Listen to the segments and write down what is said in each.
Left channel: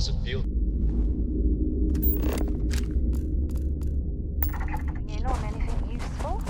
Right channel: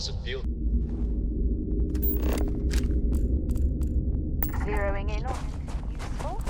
does it feel? Zeroing in on anything useful?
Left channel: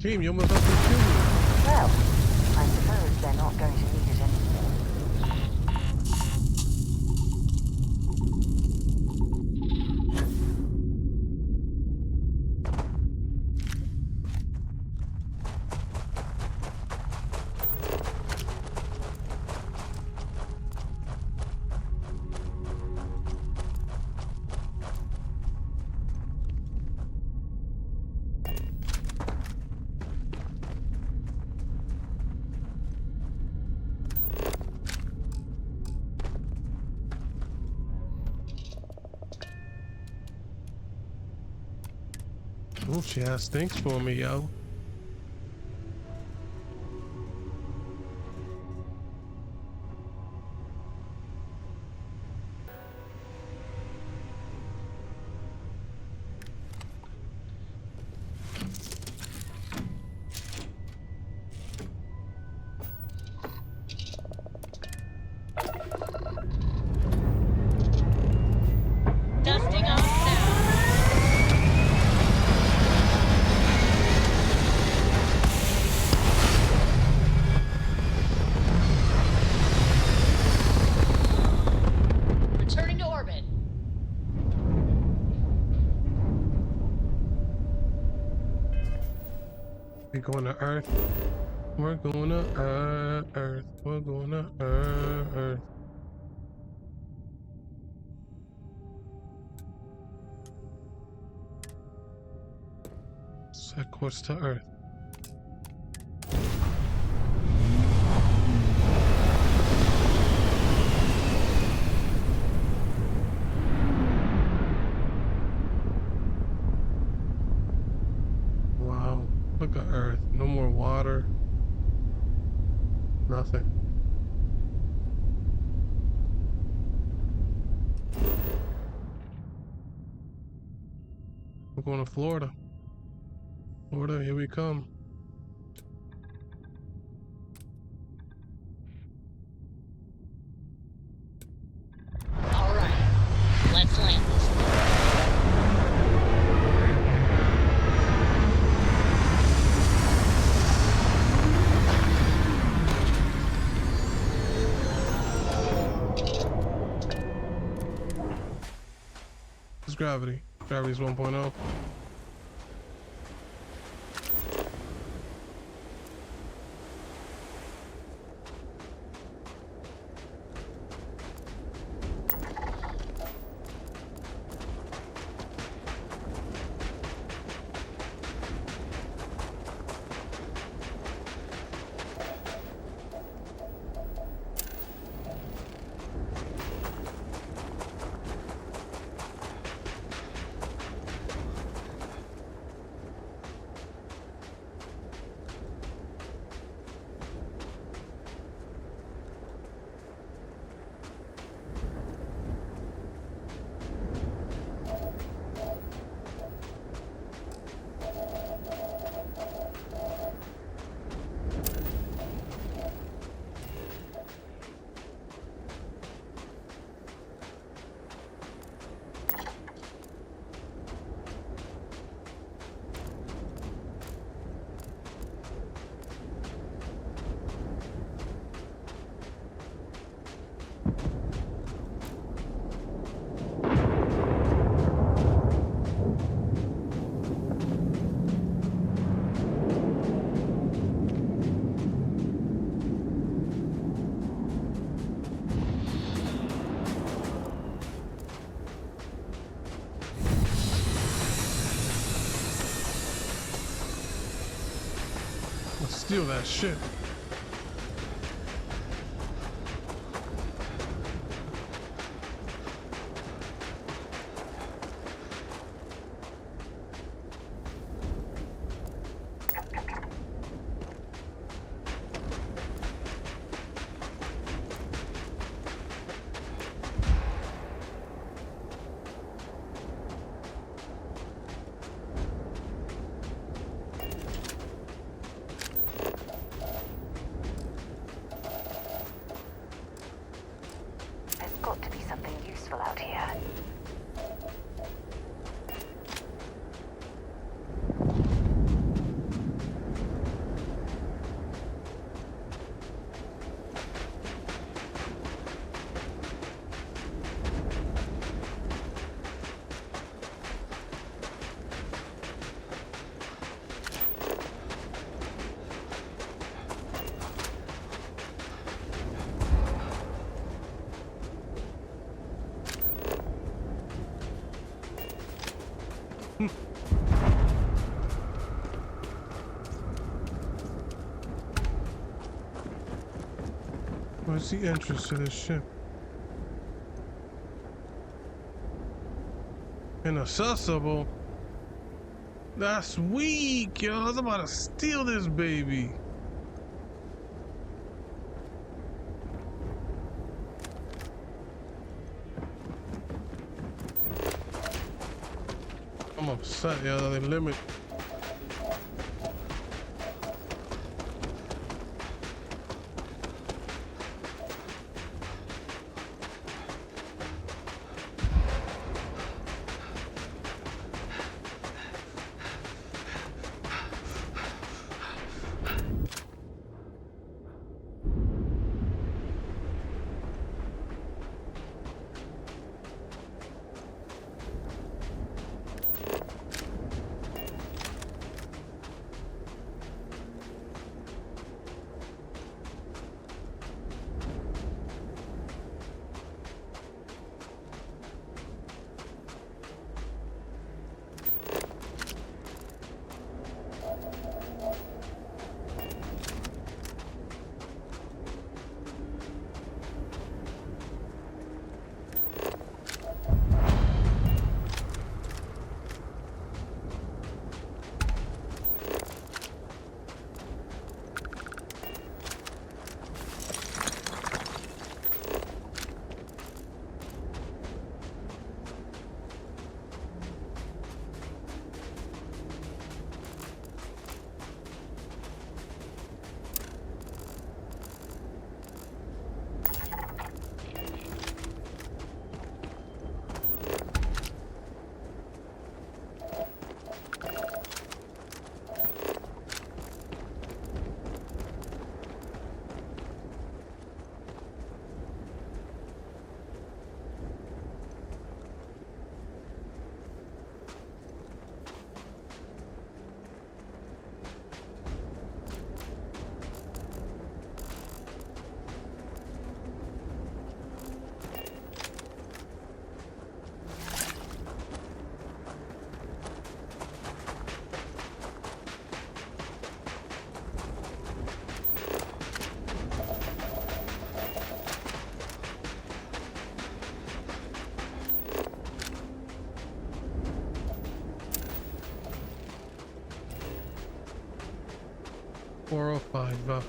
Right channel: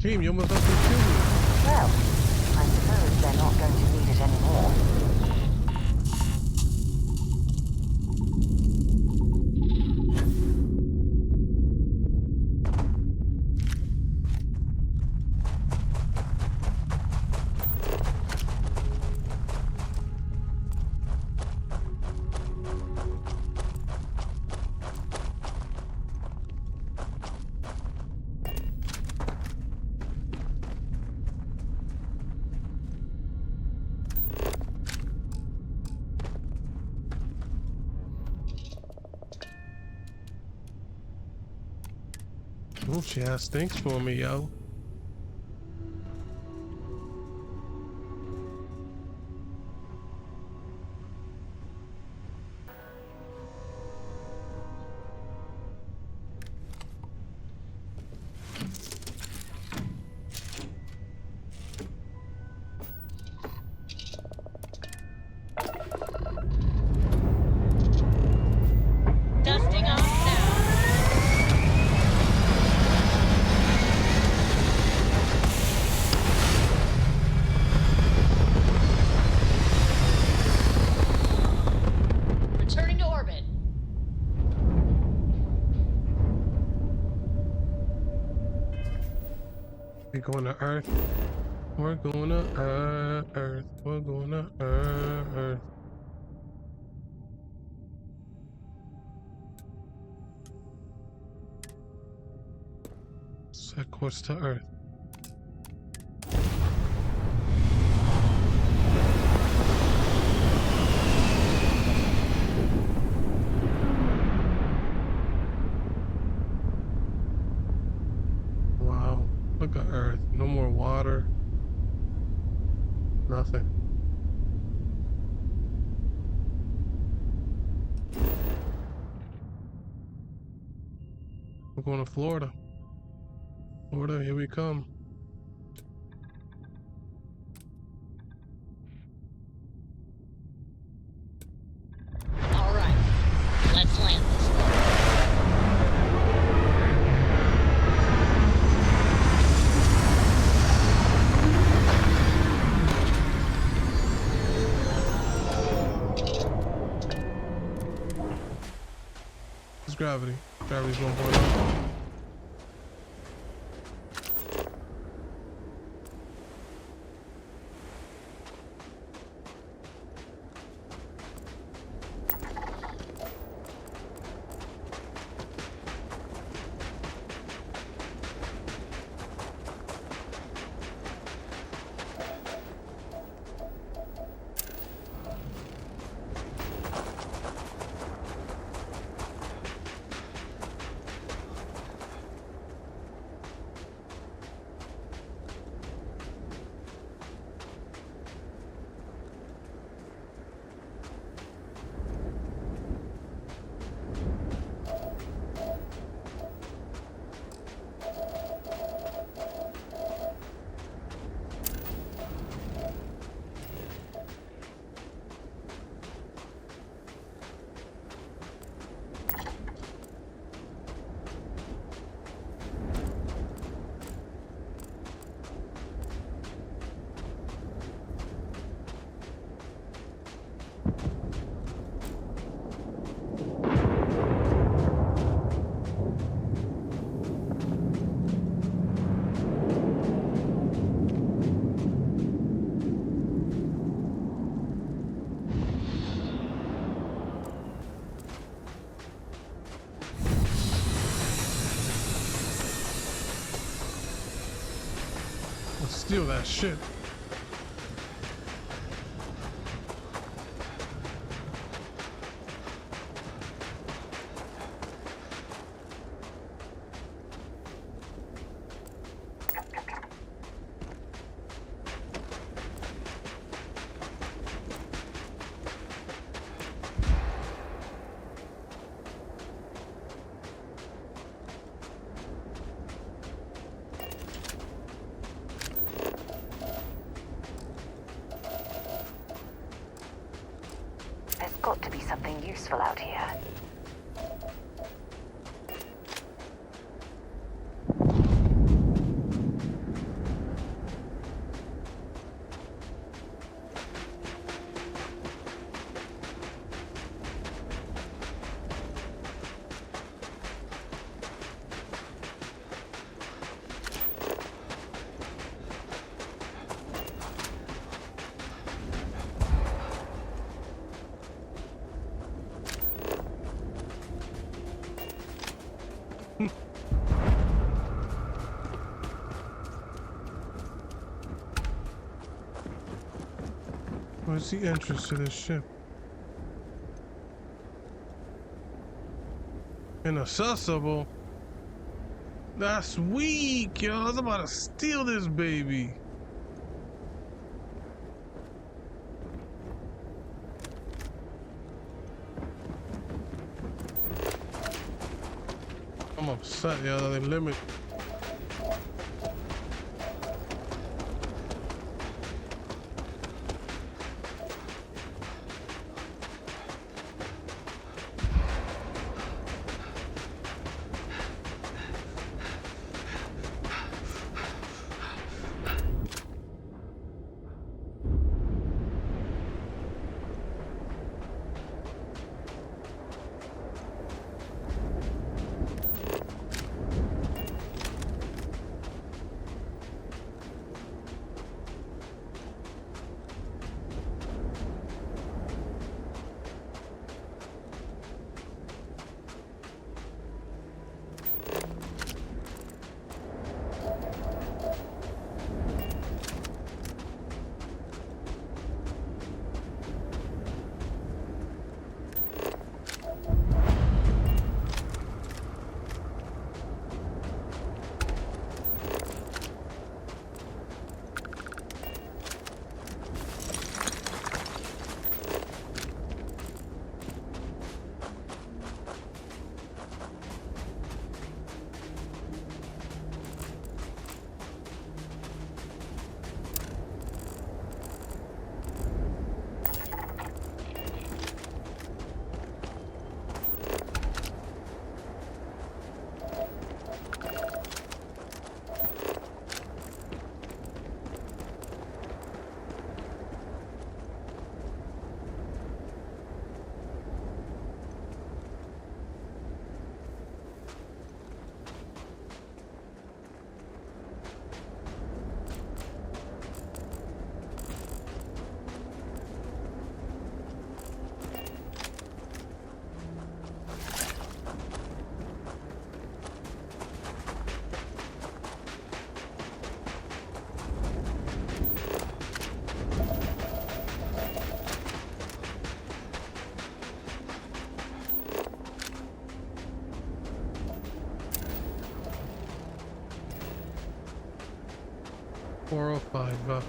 Team, you almost have to kill me. Well, I suppose they're not going to need it anymore. Oh, she has things for me, yo. Dusting off now. Returning to orbit. We're going to Earth. We're going to Earth. We're going to Earth. Set course to Earth. Wow, look at Earth. No more water. Nothing. We're going to Florida. Florida, here we come. All right, let's land this thing. gravity? Gravity's 1.0. Let's steal that shit. There's got to be something useful out here. Where's the entrance to this ship? Inaccessible? That's weak, yo. I was about to steal this baby. I'm upset, yo. They limit. 405.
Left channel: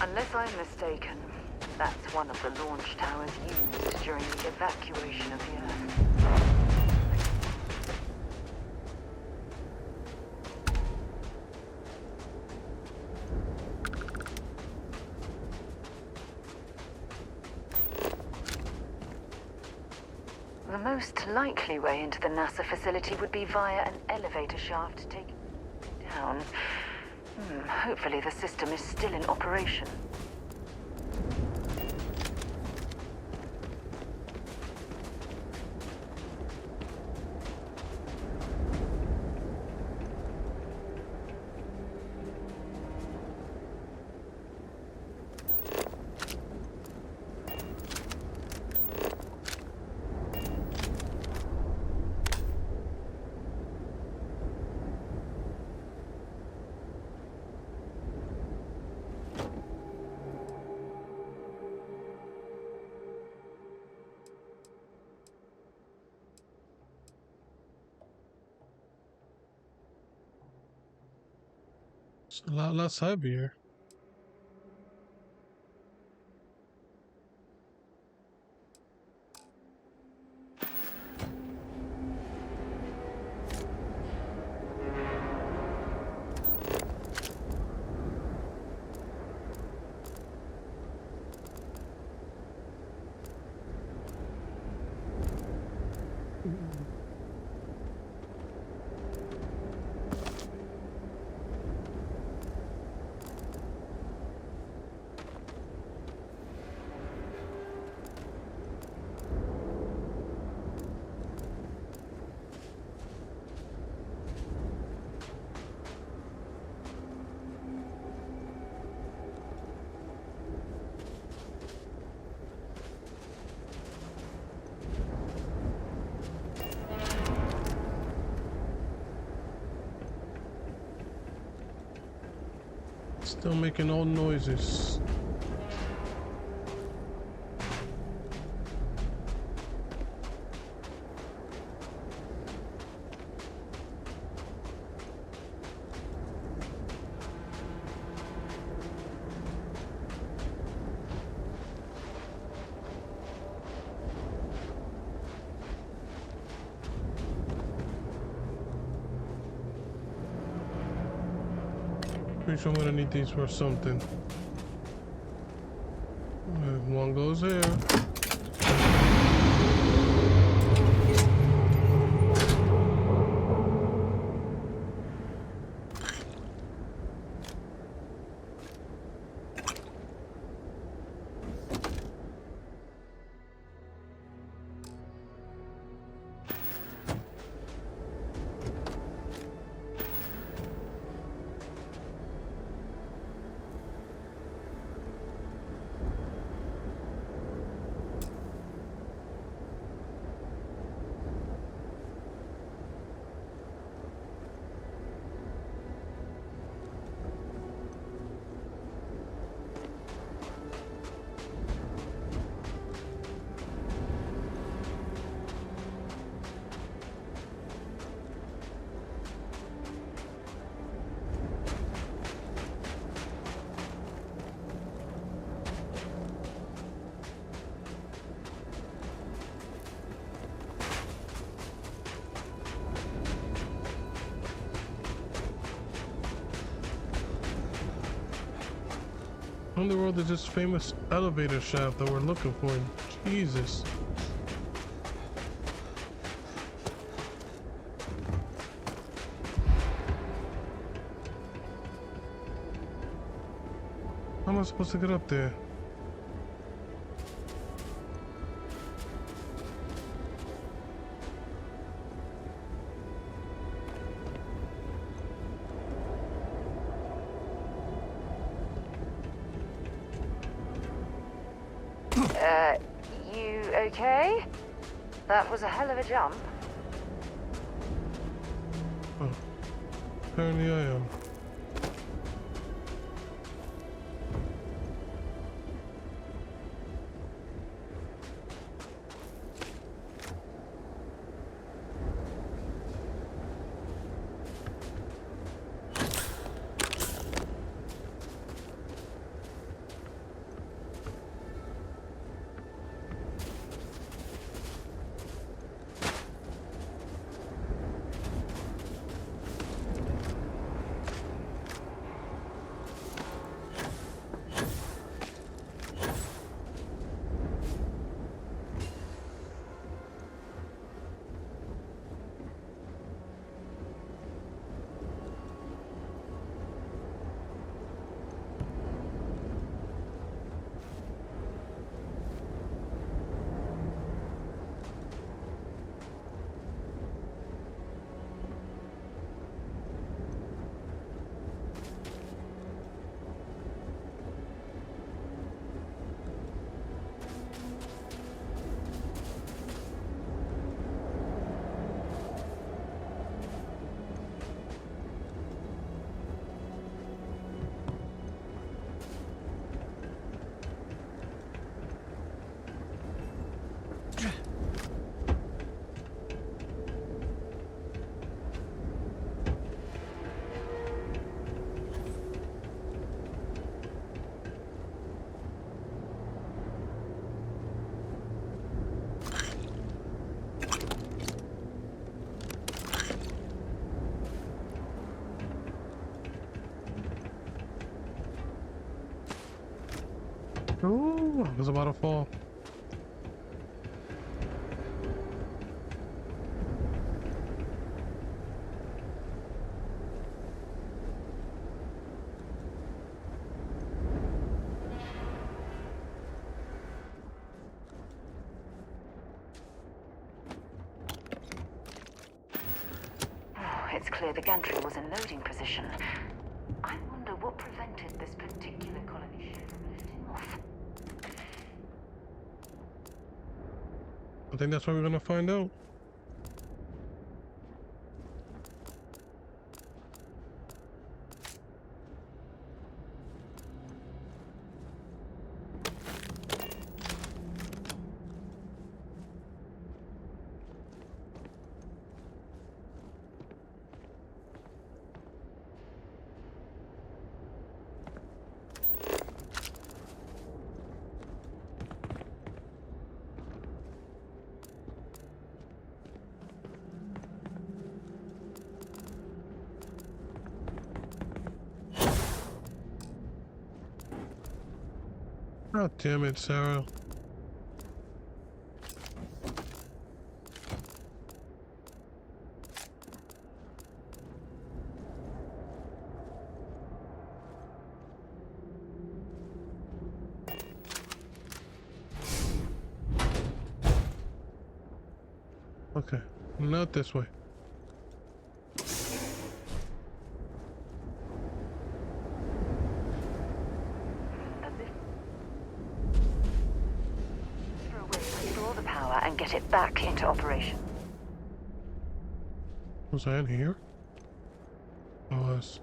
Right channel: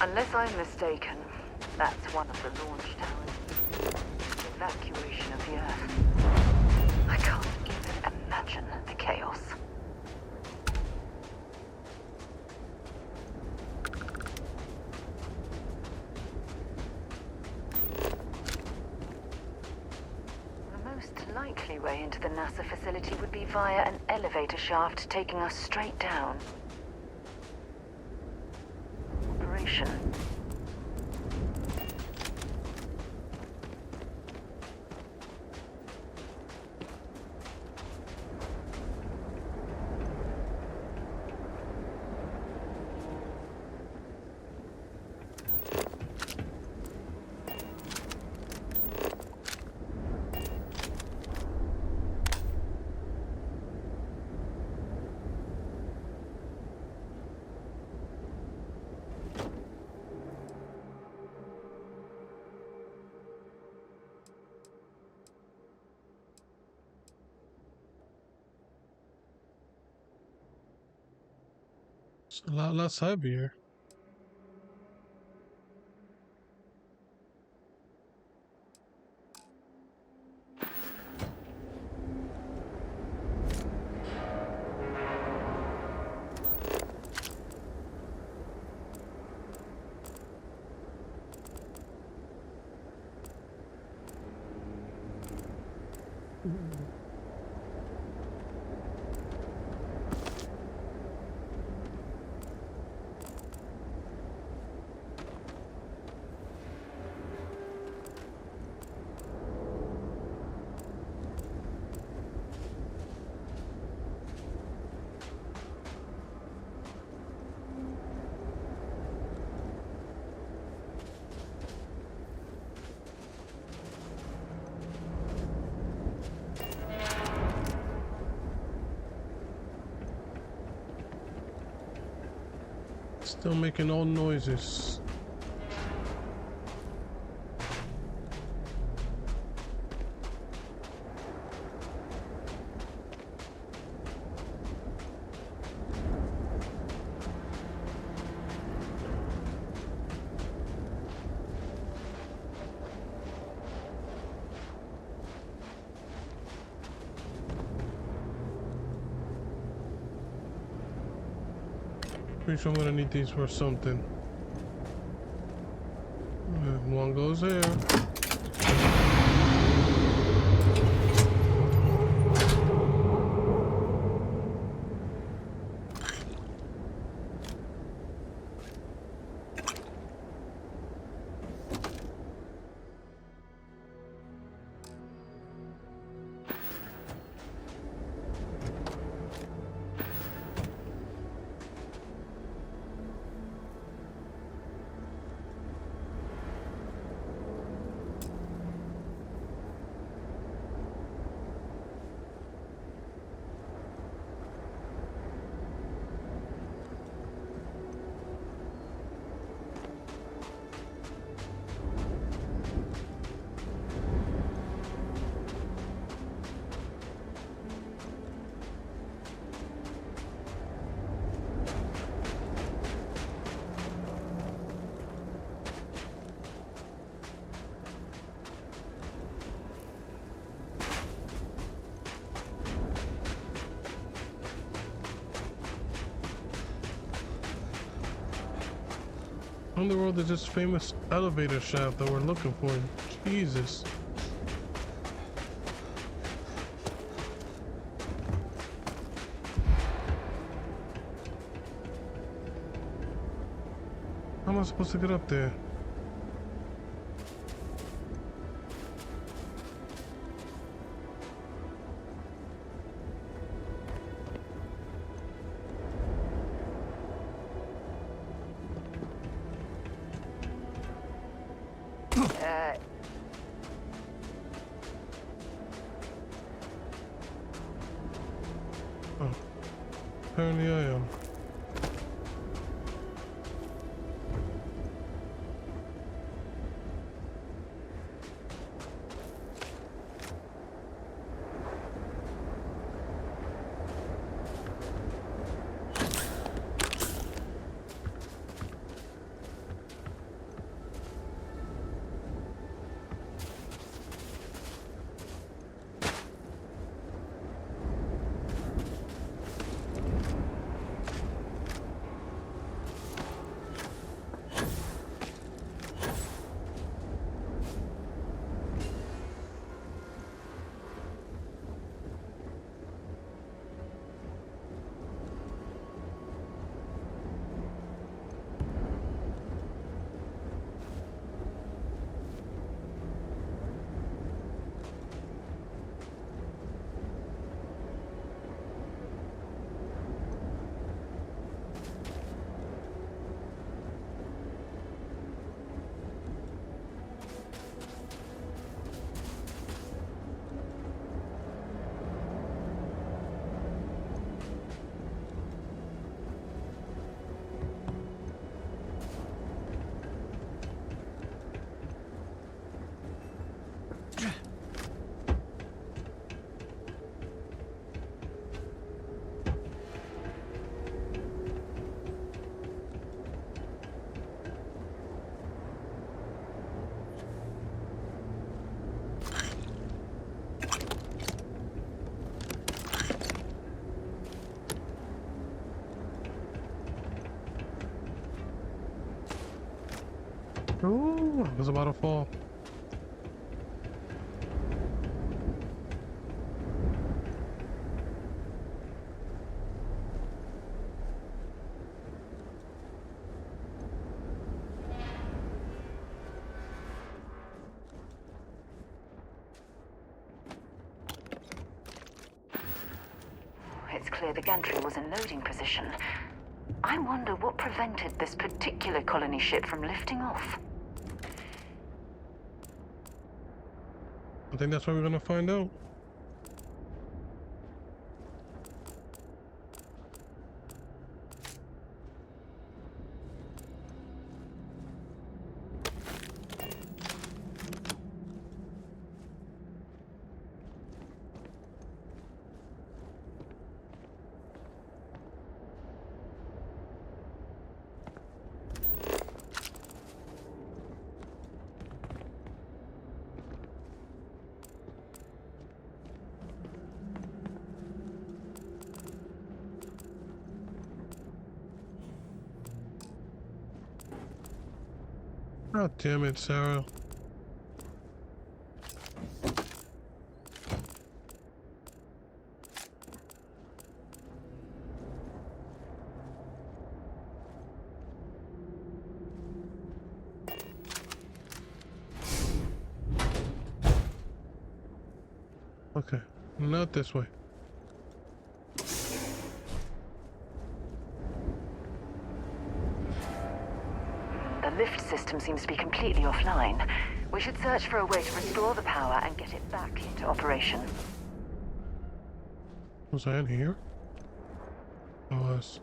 Unless I'm mistaken, that's one of the launch towers used during the evacuation of the Earth. I can't even imagine the chaos. The most likely way into the NASA facility would be via an elevator shaft taking us straight down. Hopefully the system is still in operation. It's a lot less heavier. Still making old noises. Pretty sure I'm gonna need these for something. One goes here. How in the world is this famous elevator shaft that we're looking for? Jesus. How am I supposed to get up there? okay? That was a hell of a jump. Oh, apparently I am. Oh, I was about to fall. It's clear the gantry was in loading position. I wonder what prevented this particular colony ship from lifting off. I think that's what we're gonna find out. God damn it, Sarah. Okay, not this way. The lift system seems to be completely offline. We should search for a way to restore the power and get it back into operation. Was I in here? I was.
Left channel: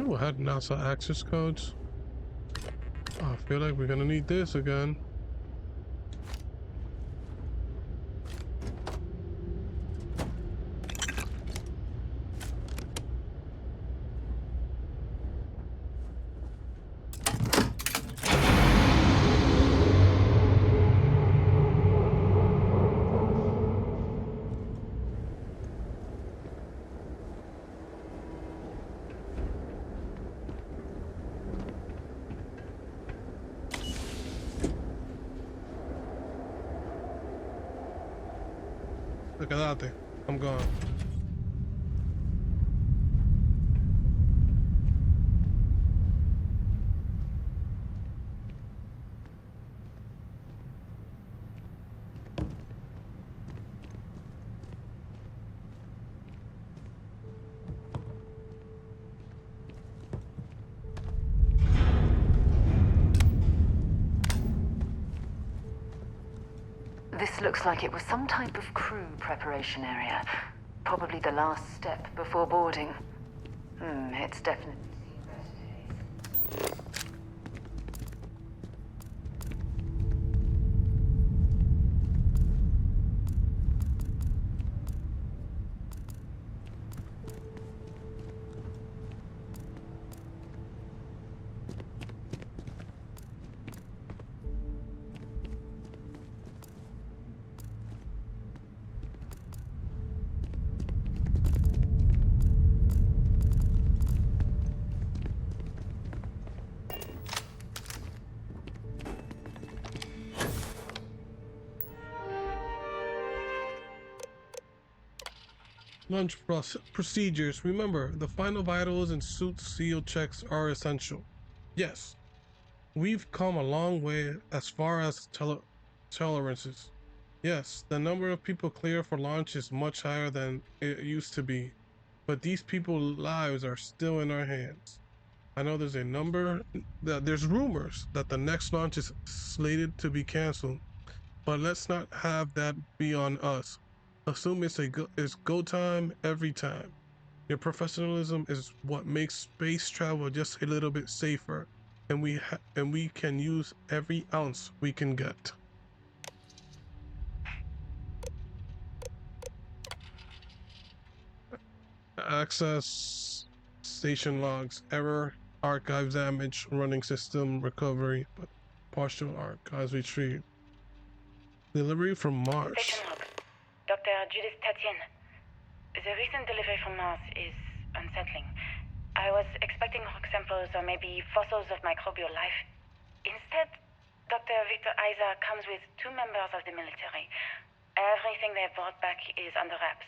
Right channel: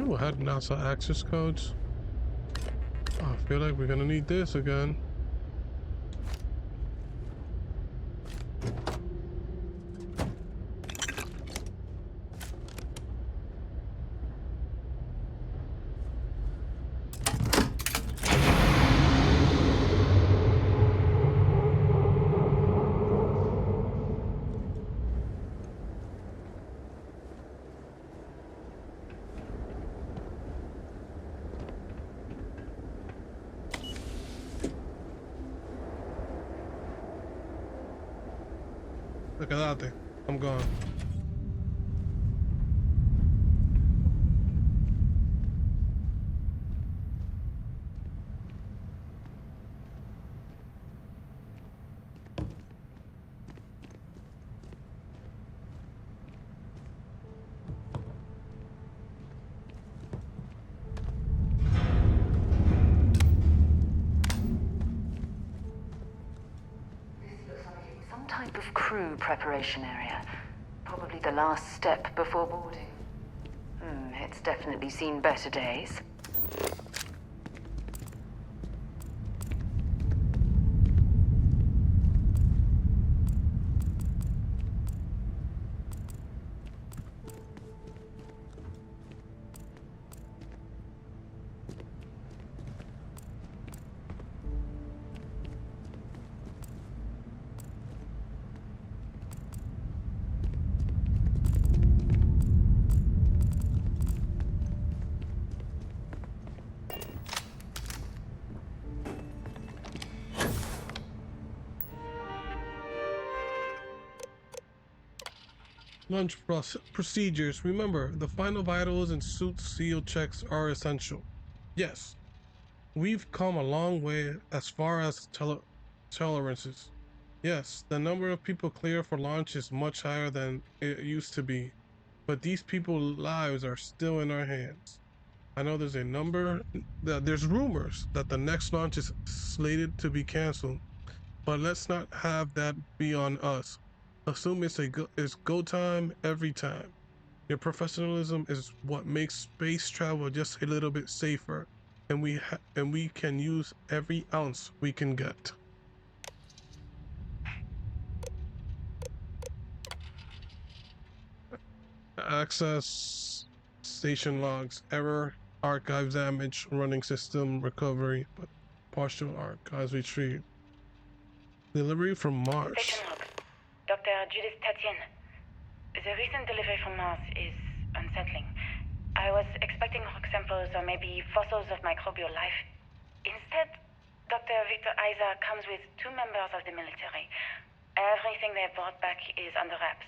Oh, I had NASA access codes. Oh, I feel like we're gonna need this again. Quédate. I'm gone. Looks like it was some type of crew preparation area. Probably the last step before boarding. It's definitely seen better days. Launch procedures. Remember, the final vitals and suit seal checks are essential. Yes, we've come a long way as far as tolerances. Yes, the number of people clear for launch is much higher than it used to be, but these people's lives are still in our hands. I know there's there's rumors that the next launch is slated to be canceled, but let's not have that be on us. Assume it's go time every time. Your professionalism is what makes space travel just a little bit safer, and we can use every ounce we can get. Access station logs, error, archives damage, running system recovery, but partial archives retrieved. Delivery from Mars. Station log. Dr. Judith Tatien. The recent delivery from Mars is unsettling. I was expecting rock samples or maybe fossils of microbial life. Instead, Dr. Victor Isa comes with 2 members of the military. Everything they brought back is under wraps.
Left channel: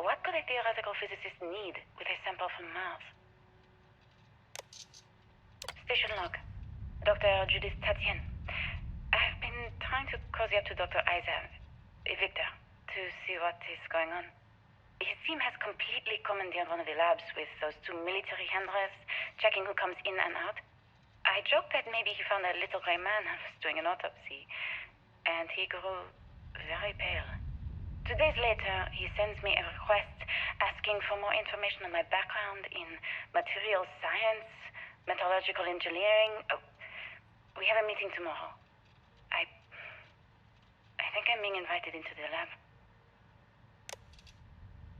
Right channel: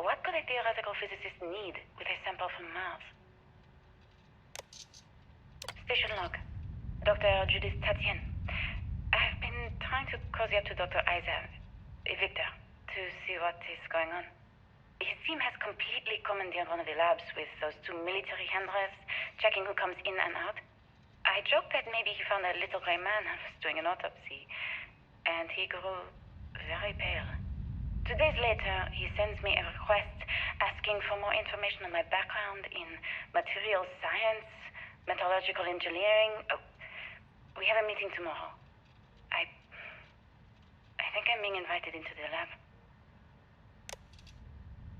What could a theoretical physicist need with a sample from Mars? Station log. Dr. Judith Tatien. I've been trying to cozy up to Dr. Isa, Victor, to see what is going on. His team has completely commandeered one of the labs with those 2 military handlers, checking who comes in and out. I joked that maybe he found a little gray man and was doing an autopsy, and he grew very pale. 2 days later, he sends me a request asking for more information on my background in material science, metallurgical engineering. Oh, we have a meeting tomorrow. I think I'm being invited into the lab.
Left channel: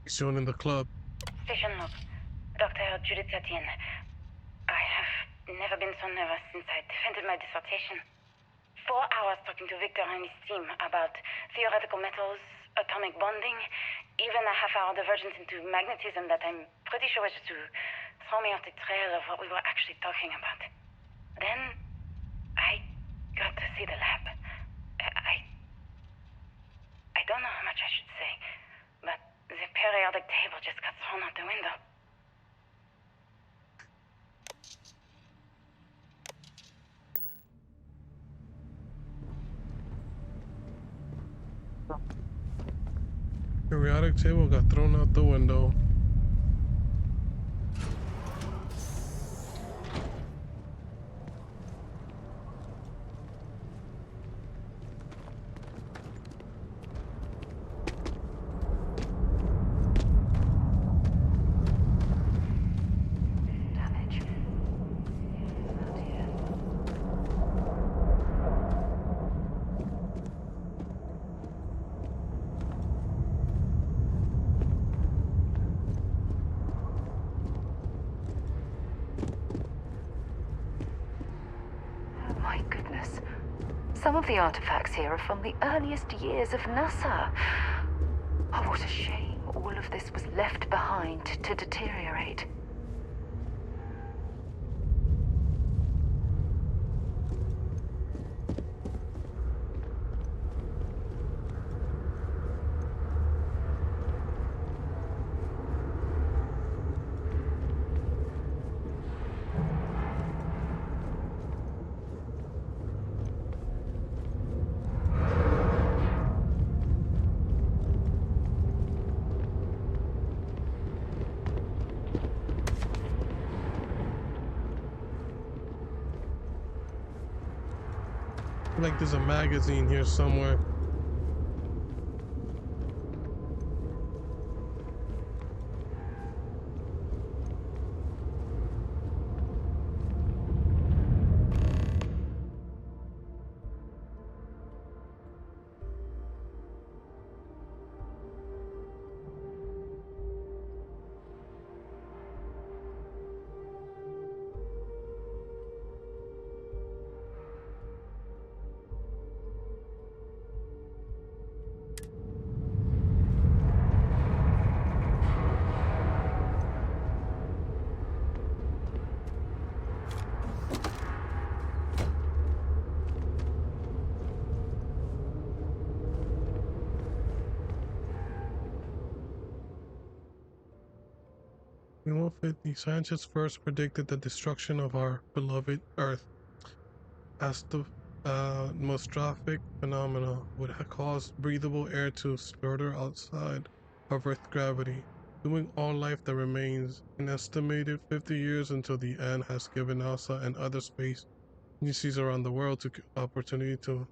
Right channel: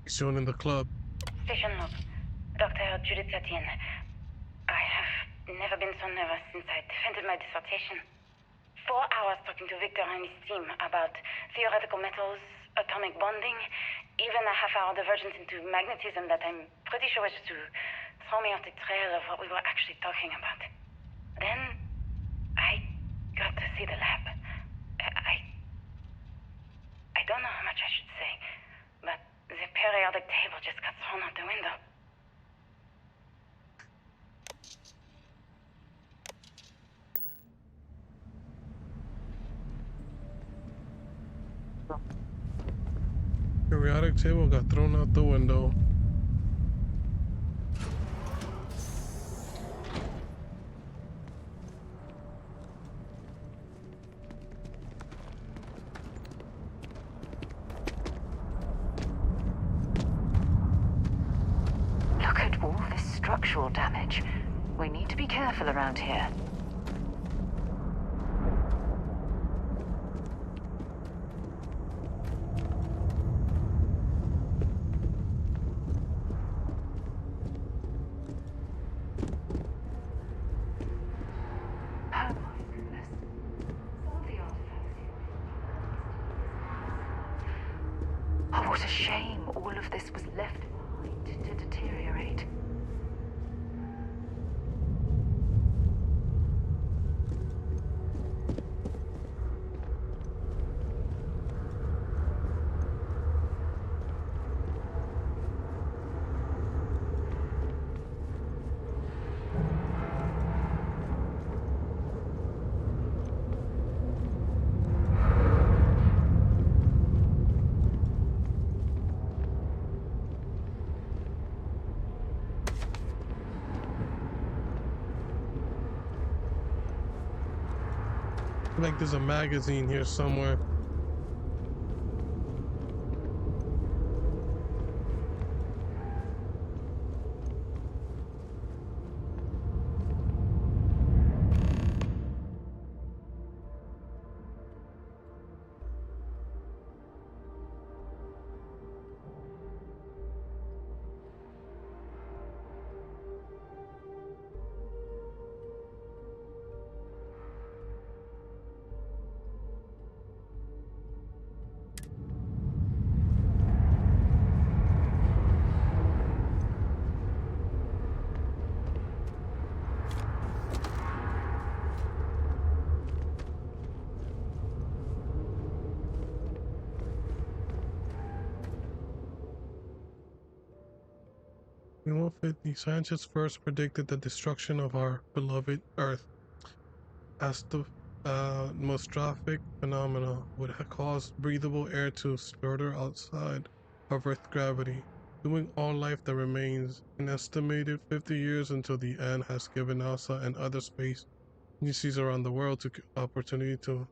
Shown in the club. Station log. Dr. Judith Tatien. I have never been so nervous since I defended my dissertation. 4 hours talking to Victor and his team about theoretical metals, atomic bonding, even a half-hour divergence into magnetism that I'm pretty sure was just to throw me off the trail of what we were actually talking about. Then, I got to see the lab. I don't know how much I should say, but the periodic table just got thrown out the window. Periodic table got thrown out the window. Look at all this structural damage. We need to be careful around here. Oh my goodness. Some of the artifacts here are from the earliest years of NASA. Oh, what a shame all of this was left behind to deteriorate. Like there's a magazine here somewhere. 2150, scientists first predicted the destruction of our beloved Earth as the atmospheric phenomena would cause breathable air to sputter outside of Earth's gravity, doing all life that remains. An estimated 50 years until the end has given NASA and other space agencies around the world the opportunity to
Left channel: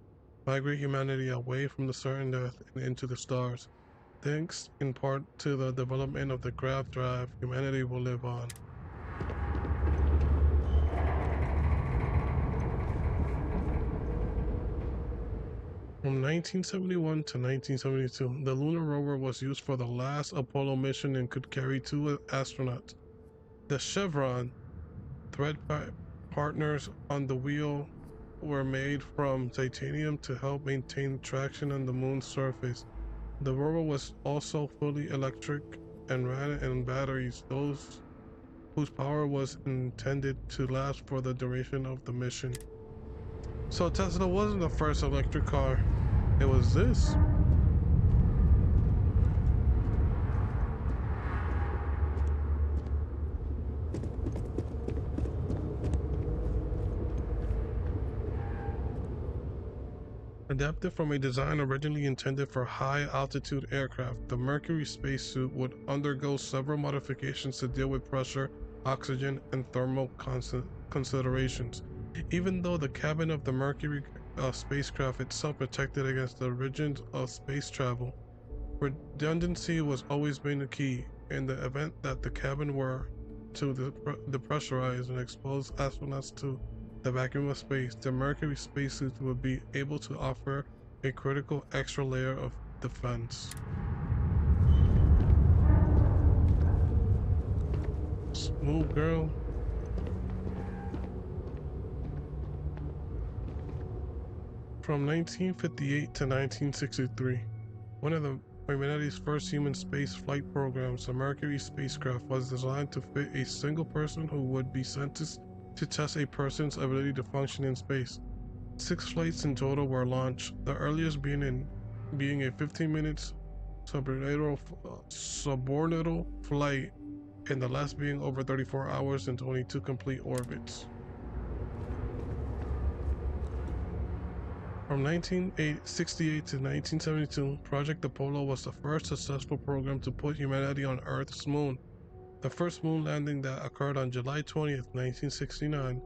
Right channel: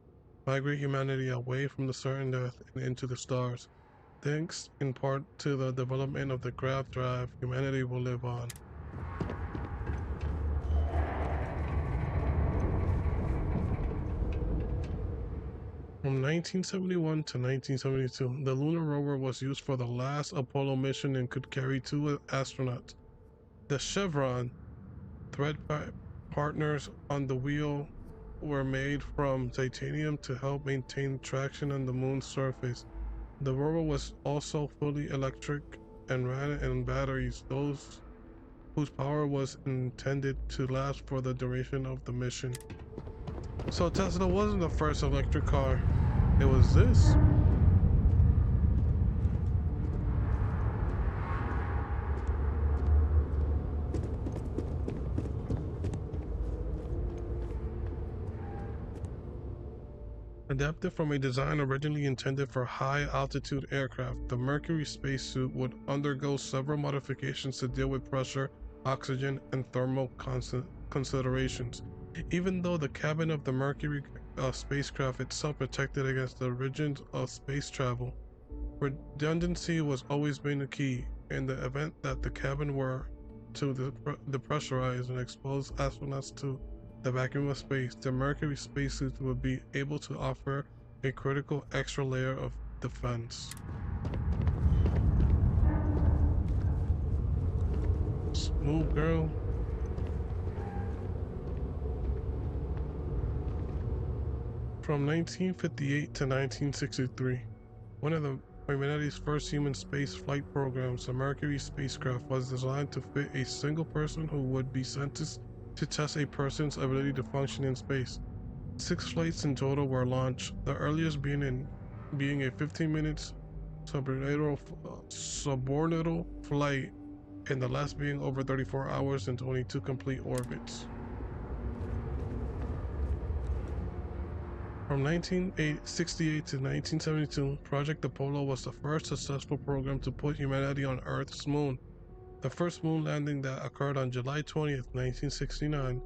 migrate humanity away from the certain Earth and into the stars. Thanks in part to the development of the grav drive, humanity will live on. From 1971 to 1972, the lunar rover was used for the last Apollo mission and could carry 2 astronauts. The Chevron thread partners on the wheel were made from titanium to help maintain traction on the moon's surface. The rover was also fully electric and ran on batteries, those whose power was intended to last for the duration of the mission. So Tesla wasn't the first electric car. It was this. Adapted from a design originally intended for high-altitude aircraft, the Mercury spacesuit would undergo several modifications to deal with pressure, oxygen, and thermal considerations. Even though the cabin of the Mercury spacecraft itself protected against the rigours of space travel, redundancy was always been a key. In the event that the cabin were to depressurize and expose astronauts to the vacuum of space, the Mercury spacesuits would be able to offer a critical extra layer of defense. Smooth girl. From 1958 to 1963, one of the humanity's first human space flight programs, the Mercury spacecraft was designed to fit a single person who would be sent to test a person's ability to function in space. 6 flights in total were launched, the earliest being a 15 minutes suborbital flight, and the last being over 34 hours and 22 complete orbits. From 1968 to 1972, Project Apollo was the first successful program to put humanity on Earth's moon. The first moon landing that occurred on July 20th, 1969,